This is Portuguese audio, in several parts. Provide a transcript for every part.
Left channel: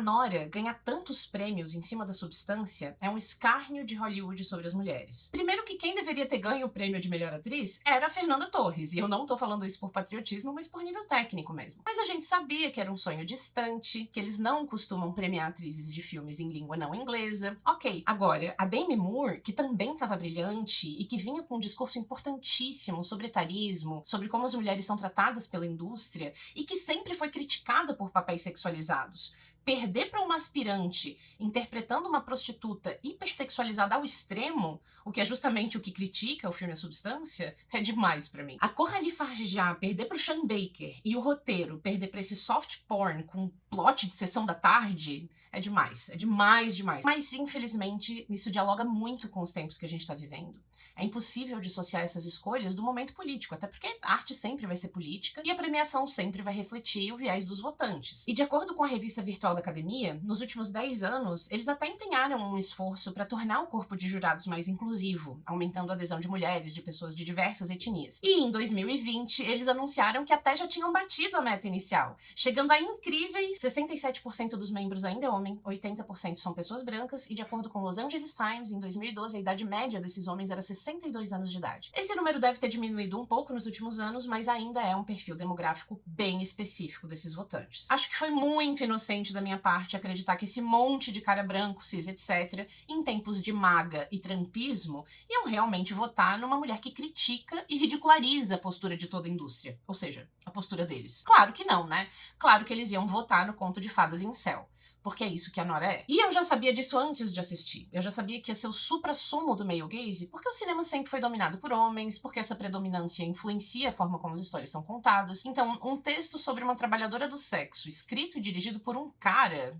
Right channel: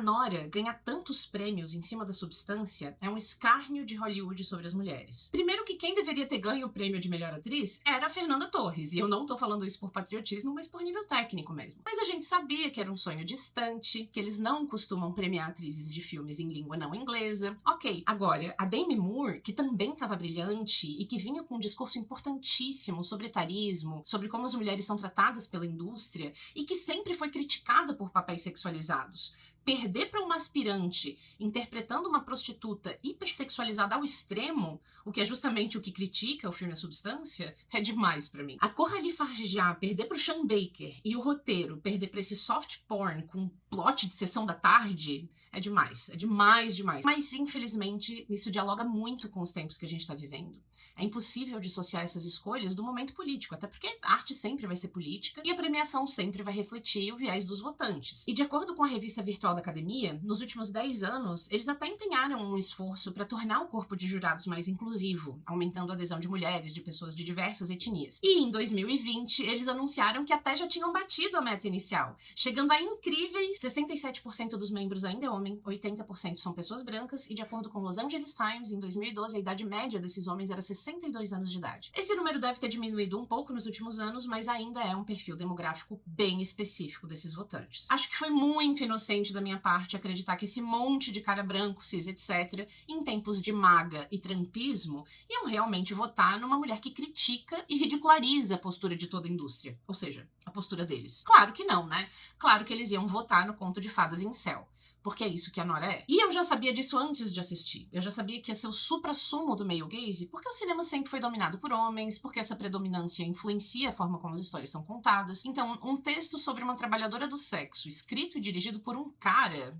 Nora ganhar tantos prêmios em cima da substância é um escárnio de Hollywood sobre as mulheres. Primeiro que quem deveria ter ganho o prêmio de melhor atriz era a Fernanda Torres, e eu não tô falando isso por patriotismo, mas por nível técnico mesmo. Mas a gente sabia que era um sonho distante, que eles não costumam premiar atrizes de filmes em língua não inglesa. Ok, agora, a Demi Moore, que também estava brilhante e que vinha com um discurso importantíssimo sobre etarismo, sobre como as mulheres são tratadas pela indústria, e que sempre foi criticada por papéis sexualizados, perder para uma aspirante interpretando uma prostituta hipersexualizada ao extremo, o que é justamente o que critica o filme A Substância, é demais pra mim. A Coralie Farjá perder pro Sean Baker e o roteiro perder pra esse soft porn com plot de sessão da tarde é demais demais. Mas, infelizmente, isso dialoga muito com os tempos que a gente tá vivendo. É impossível dissociar essas escolhas do momento político, até porque a arte sempre vai ser política e a premiação sempre vai refletir o viés dos votantes. E de acordo com a revista virtual da Academia, nos últimos 10 anos, eles até empenharam um esforço para tornar o corpo de jurados mais inclusivo, aumentando a adesão de mulheres, de pessoas de diversas etnias. E em 2020, eles anunciaram que até já tinham batido a meta inicial, chegando a incríveis 67% dos membros ainda é homem, 80% são pessoas brancas, e de acordo com o Los Angeles Times, em 2012, a idade média desses homens era 62 anos de idade. Esse número deve ter diminuído um pouco nos últimos anos, mas ainda é um perfil demográfico bem específico desses votantes. Acho que foi muito inocente da minha parte acreditar que esse monte de cara branco, cis, etc., em tempos de maga e trampismo, iam realmente votar numa mulher que critica e ridiculariza a postura de toda a indústria. Ou seja, a postura deles. Claro que não, né? Claro que eles iam votar no conto de fadas incel. Porque é isso que a Nora é. E eu já sabia disso antes de assistir. Eu já sabia que ia ser o suprassumo do male gaze, porque o cinema sempre foi dominado por homens, porque essa predominância influencia a forma como as histórias são contadas. Então, um texto sobre uma trabalhadora do sexo, escrito e dirigido por um cara...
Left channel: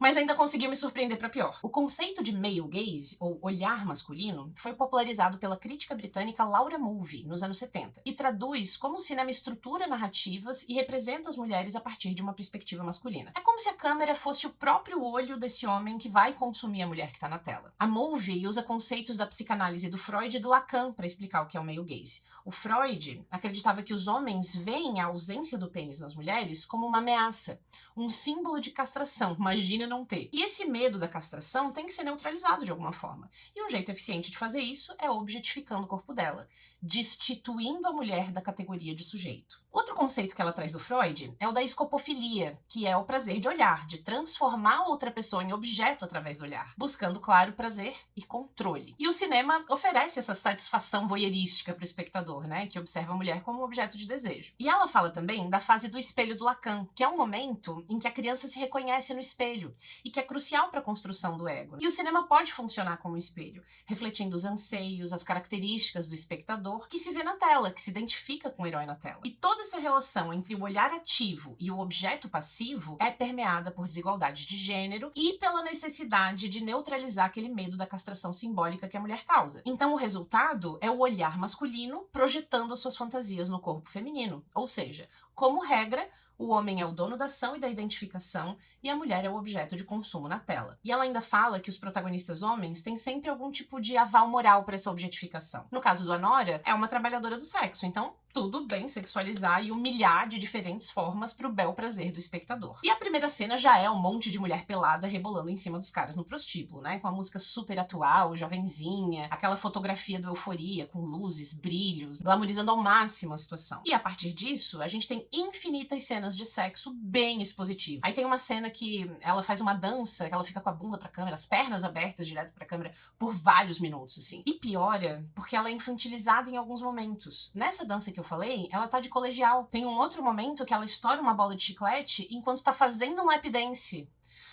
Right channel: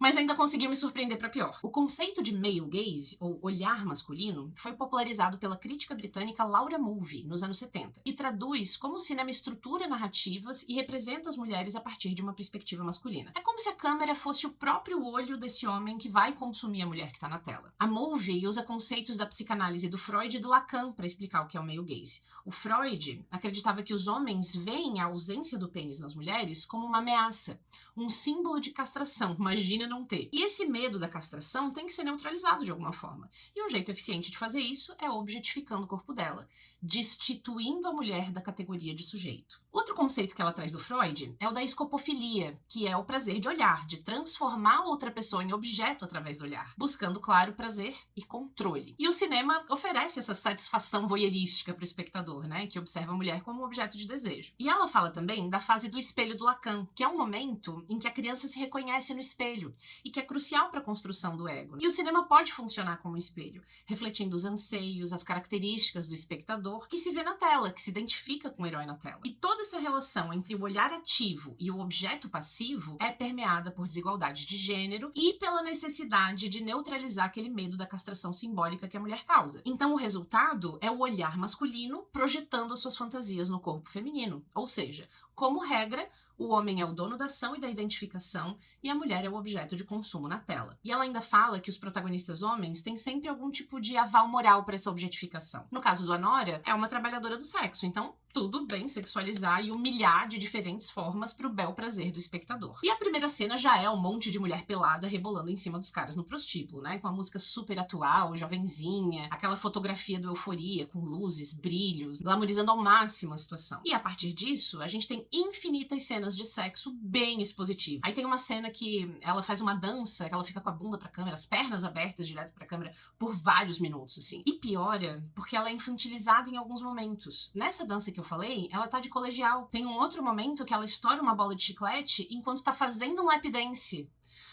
Mas ainda conseguiu me surpreender para pior. O conceito de male gaze, ou olhar masculino, foi popularizado pela crítica britânica Laura Mulvey, nos anos 70, e traduz como o cinema estrutura narrativas e representa as mulheres a partir de uma perspectiva masculina. É como se a câmera fosse o próprio olho desse homem que vai consumir a mulher que está na tela. A Mulvey usa conceitos da psicanálise do Freud e do Lacan para explicar o que é o male gaze. O Freud acreditava que os homens veem a ausência do pênis nas mulheres como uma ameaça, um símbolo de castração, imagina não ter. E esse medo da castração tem que ser neutralizado de alguma forma. E um jeito eficiente de fazer isso é objetificando o corpo dela, destituindo a mulher da categoria de sujeito. Outro conceito que ela traz do Freud é o da escopofilia, que é o prazer de olhar, de transformar outra pessoa em objeto através do olhar, buscando, claro, prazer e controle. E o cinema oferece essa satisfação voyeurística para o espectador, né, que observa a mulher como um objeto de desejo. E ela fala também da fase do espelho do Lacan, que é um momento em que a criança se reconhece no espelho e que é crucial para a construção do ego. E o cinema pode funcionar como um espelho, refletindo os anseios, as características do espectador que se vê na tela, que se identifica com o herói na tela. E toda essa relação entre o olhar ativo e o objeto passivo é permeada por desigualdade de gênero e pela necessidade de neutralizar aquele medo da castração simbólica que a mulher causa. Então o resultado é o olhar masculino projetando as suas fantasias no corpo feminino. Ou seja, como regra, o homem é o dono da ação e da identificação e a mulher é o objeto de consumo na tela. E ela ainda fala que os protagonistas homens têm sempre algum tipo de aval moral para essa objetificação. No caso do Anora, é uma trabalhadora do sexo, então tudo bem sexualizar e humilhar de diferentes formas pro bel prazer do espectador. E a primeira cena já é um monte de mulher pelada rebolando em cima dos caras no prostíbulo, né? Com a música super atual, jovenzinha, aquela fotografia do Euforia, com luzes, brilhos, glamorizando ao máximo a situação. E a partir disso, a gente tem infinitas cenas de sexo bem expositivas. Aí tem uma cena que ela faz uma dança, que ela fica com a bunda pra câmera, as pernas abertas direto pra câmera, por vários minutos, assim. E piora, porque ela é infantilizada em alguns momentos. Nessa dança que eu falei, ela tá de colegial. Tem um outro momento que ela estoura uma bola de chiclete enquanto tá fazendo um lap dance.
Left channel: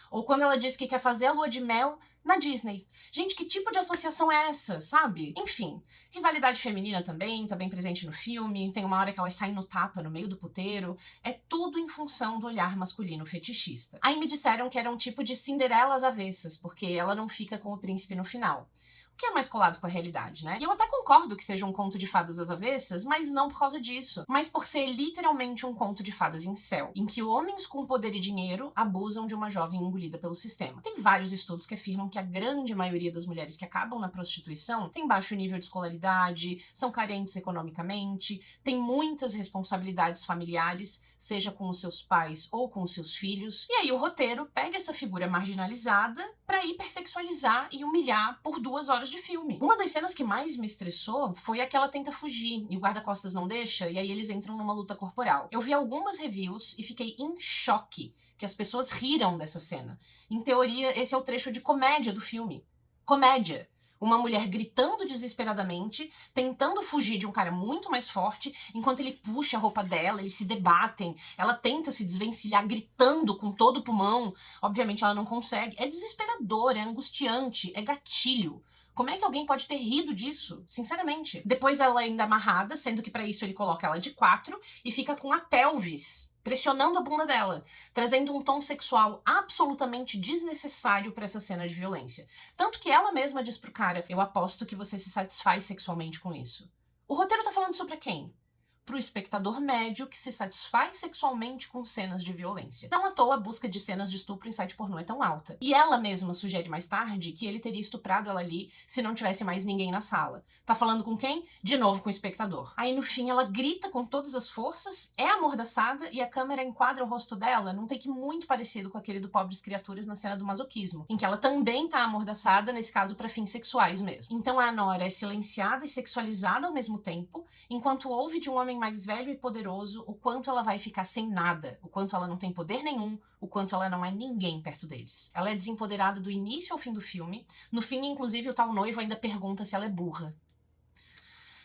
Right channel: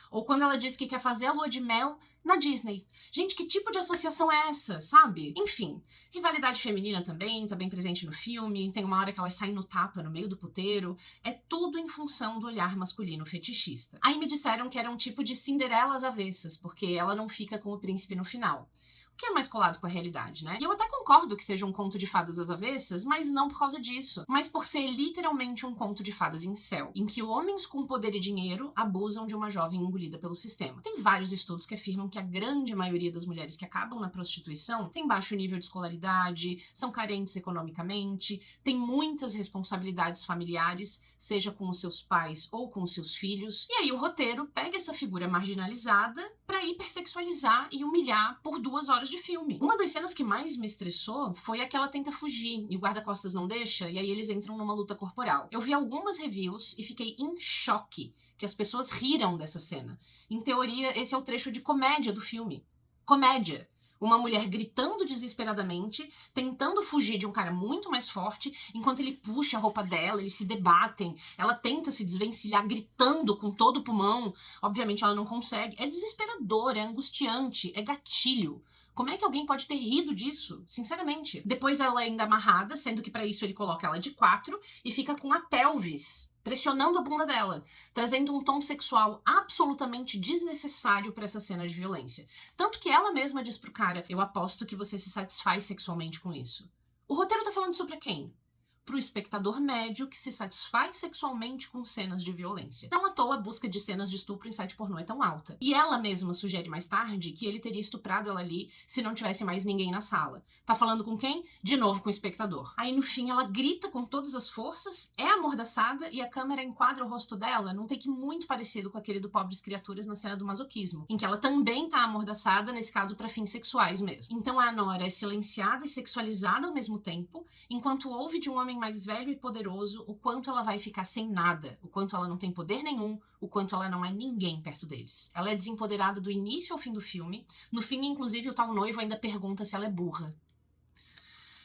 Ou quando ela diz que quer fazer a lua de mel na Disney. Gente, que tipo de associação é essa, sabe? Enfim, rivalidade feminina também tá bem presente no filme. Tem uma hora que elas saem no tapa no meio do puteiro. É tudo em função do olhar masculino fetichista. Aí me disseram que era um tipo de Cinderela às avessas, porque ela não fica com o príncipe no final. O que é mais colado com a realidade, né? E eu até concordo que seja um conto de fadas às avessas, mas não por causa disso. Mas por ser literalmente um conto de fadas incel, em que homens com poder e dinheiro abusam de uma jovem engolida pelo sistema. Tem vários estudos que afirmam que a grande maioria das mulheres que acabam na prostituição tem baixo nível de escolaridade, são carentes economicamente, tem muitas responsabilidades familiares, seja com os seus pais ou com os seus filhos. E aí o roteiro pega essa figura marginalizada pra hipersexualizar e humilhar por 2 horas de filme. Uma das cenas que mais me estressou foi a que ela tenta fugir e o guarda-costas não deixa, e aí eles entram numa luta corporal. Eu vi algumas reviews e fiquei em choque que as pessoas riram dessa cena. Em teoria, esse é o trecho de comédia do filme. Comédia. Uma mulher gritando desesperadamente, tentando fugir de um cara muito mais forte, enquanto ele puxa a roupa dela, eles se debatem, ela tenta se desvencilhar gritando com todo o pulmão. Obviamente ela não consegue. É desesperador, é angustiante, é gatilho. Como é que alguém pode ter rido disso? Sinceramente. Depois ela é ainda amarrada, sendo que pra isso ele coloca ela de 4 e fica com a pelvis pressionando a bunda dela, trazendo um tom sexual absolutamente desnecessário pra essa cena de violência. Tanto que ela mesma diz pro cara: eu aposto que você se satisfaz sexualmente com isso. O roteiro tá falando isso pra quem? Pro espectador médio que se satisfaz sexualmente com cenas de violência. Não à toa a busca de cenas de estupro em site pornô é tão alta. E ela mesma sugere mais tarde que ele teria estuprado ela ali se não tivesse mais ninguém na sala. Tá falando com quem? De novo com o espectador. Aí no fim ela grita com todas as forças, é amordaçada e a câmera enquadra o rosto dela num take muito parecido com aquele do Pobres Criaturas na cena do masoquismo, em que ela também tá amordaçada, nesse caso pra fins sexuais mesmo. Então a Nora é silenciada e sexualizada ao mesmo tempo, enquanto ouve de um homem mais velho e poderoso o quanto ela vai ficar sem nada, o quanto ela não tem poder nenhum, o quanto ela não é ninguém perto deles. Ela é desempoderada do início ao fim do filme. No fim, inclusive, o tal noivo ainda pergunta se ela é burra.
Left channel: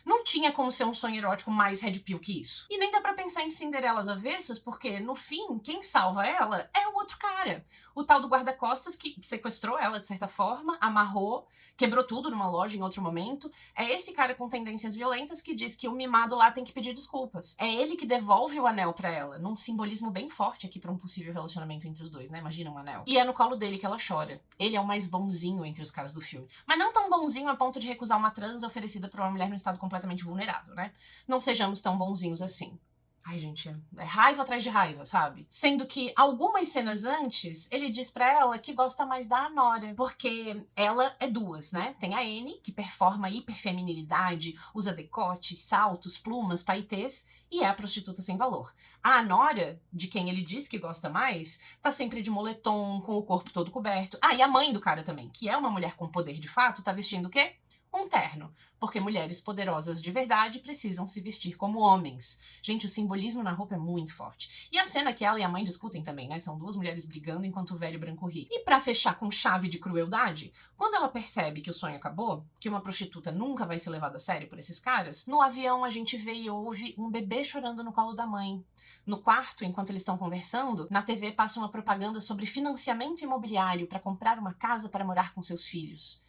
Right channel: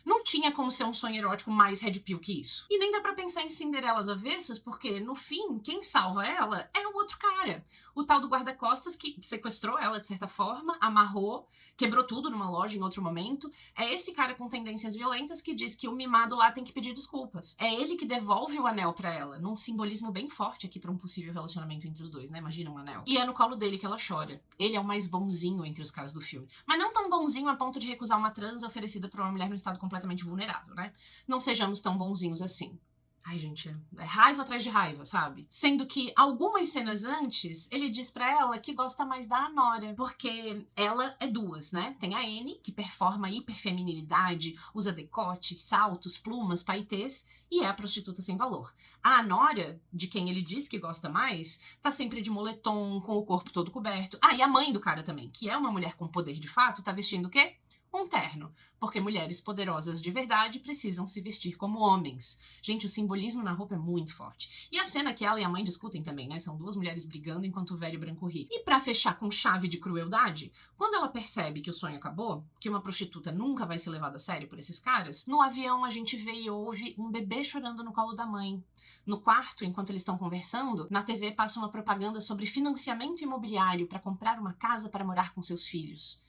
Não tinha como ser um sonho erótico mais red pill que isso. E nem dá pra pensar em Cinderelas avessas, porque, no fim, quem salva ela é o outro cara. O tal do guarda-costas que sequestrou ela, de certa forma, amarrou, quebrou tudo numa loja em outro momento. É esse cara com tendências violentas que diz que o mimado lá tem que pedir desculpas. É ele que devolve o anel pra ela, num simbolismo bem forte aqui pra um possível relacionamento entre os dois, né? Imagina um anel. E é no colo dele que ela chora. Ele é o mais bonzinho entre os caras do filme. Mas não tão bonzinho a ponto de recusar uma transa oferecida pra uma mulher num estado completamente vulnerável, né? Não sejamos tão bonzinhos assim. Ai, gente, é raiva atrás de raiva, sabe? Sendo que algumas cenas antes, ele diz pra ela que gosta mais da Anora, porque ela é 2, né? Tem a Annie, que performa hiperfeminilidade, usa decote, saltos, plumas, paetês, e é a prostituta sem valor. A Anora, de quem ele diz que gosta mais, tá sempre de moletom, com o corpo todo coberto. Ah, e a mãe do cara também, que é uma mulher com poder de fato, tá vestindo o quê? Um terno, porque mulheres poderosas de verdade precisam se vestir como homens. Gente, o simbolismo na roupa é muito forte. E a cena que ela e a mãe discutem também, né? São 2 mulheres brigando enquanto o velho branco ri. E pra fechar com chave de crueldade, quando ela percebe que o sonho acabou, que uma prostituta nunca vai ser levada a sério por esses caras, no avião a gente vê e ouve um bebê chorando no colo da mãe. No quarto, enquanto eles estão conversando, na TV passa uma propaganda sobre financiamento imobiliário para comprar uma casa para morar com seus filhos.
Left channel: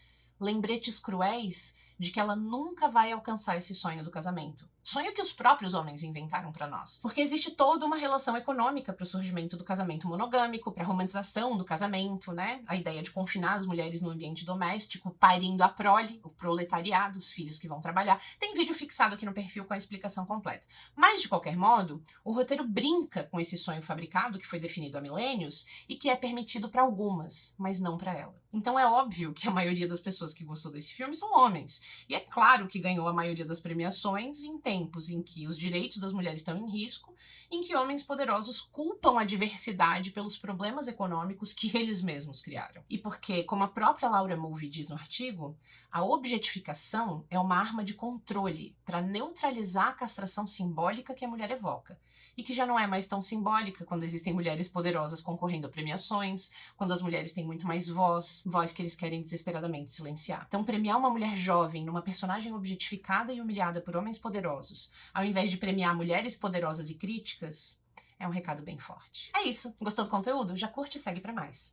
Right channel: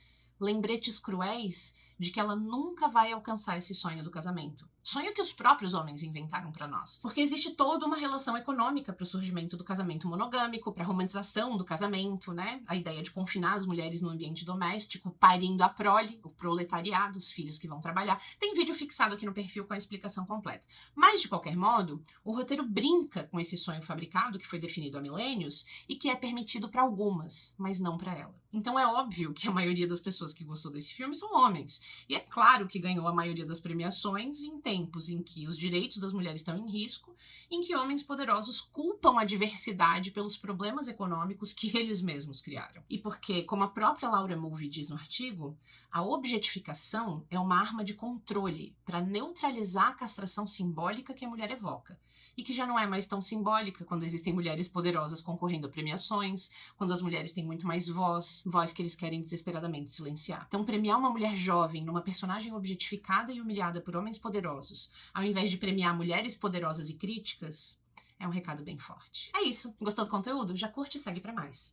Lembretes cruéis de que ela nunca vai alcançar esse sonho do casamento. Sonho que os próprios homens inventaram pra nós. Porque existe toda uma relação econômica pro surgimento do casamento monogâmico, pra romantização do casamento, né? A ideia de confinar as mulheres no ambiente doméstico, parindo a prole, o proletariado, os filhos que vão trabalhar. Tem vídeo fixado aqui no perfil com a explicação completa. Mas, de qualquer modo, o roteiro brinca com esse sonho fabricado que foi definido há milênios e que é permitido pra algumas, mas não pra ela. Então é óbvio que a maioria das pessoas que gostou desse filme são homens. E é claro que ganhou a maioria das premiações em tempos em que os direitos das mulheres estão em risco, em que homens poderosos culpam a diversidade pelos problemas econômicos que eles mesmos criaram. E porque, como a própria Laura Mulvey diz no artigo, a objetificação é uma arma de controle para neutralizar a castração simbólica que a mulher evoca. E que já não é mais tão simbólica quando existem mulheres poderosas concorrendo a premiações, quando as mulheres têm muito mais voz que eles querem desesperadamente silenciar. Então, premiar uma mulher jovem numa personagem objetificada e humilhada por homens poderosos, ao invés de premiar mulheres poderosas e críticas, é um recado bem forte. É isso. Gostou do conteúdo? Já curte e segue pra mais.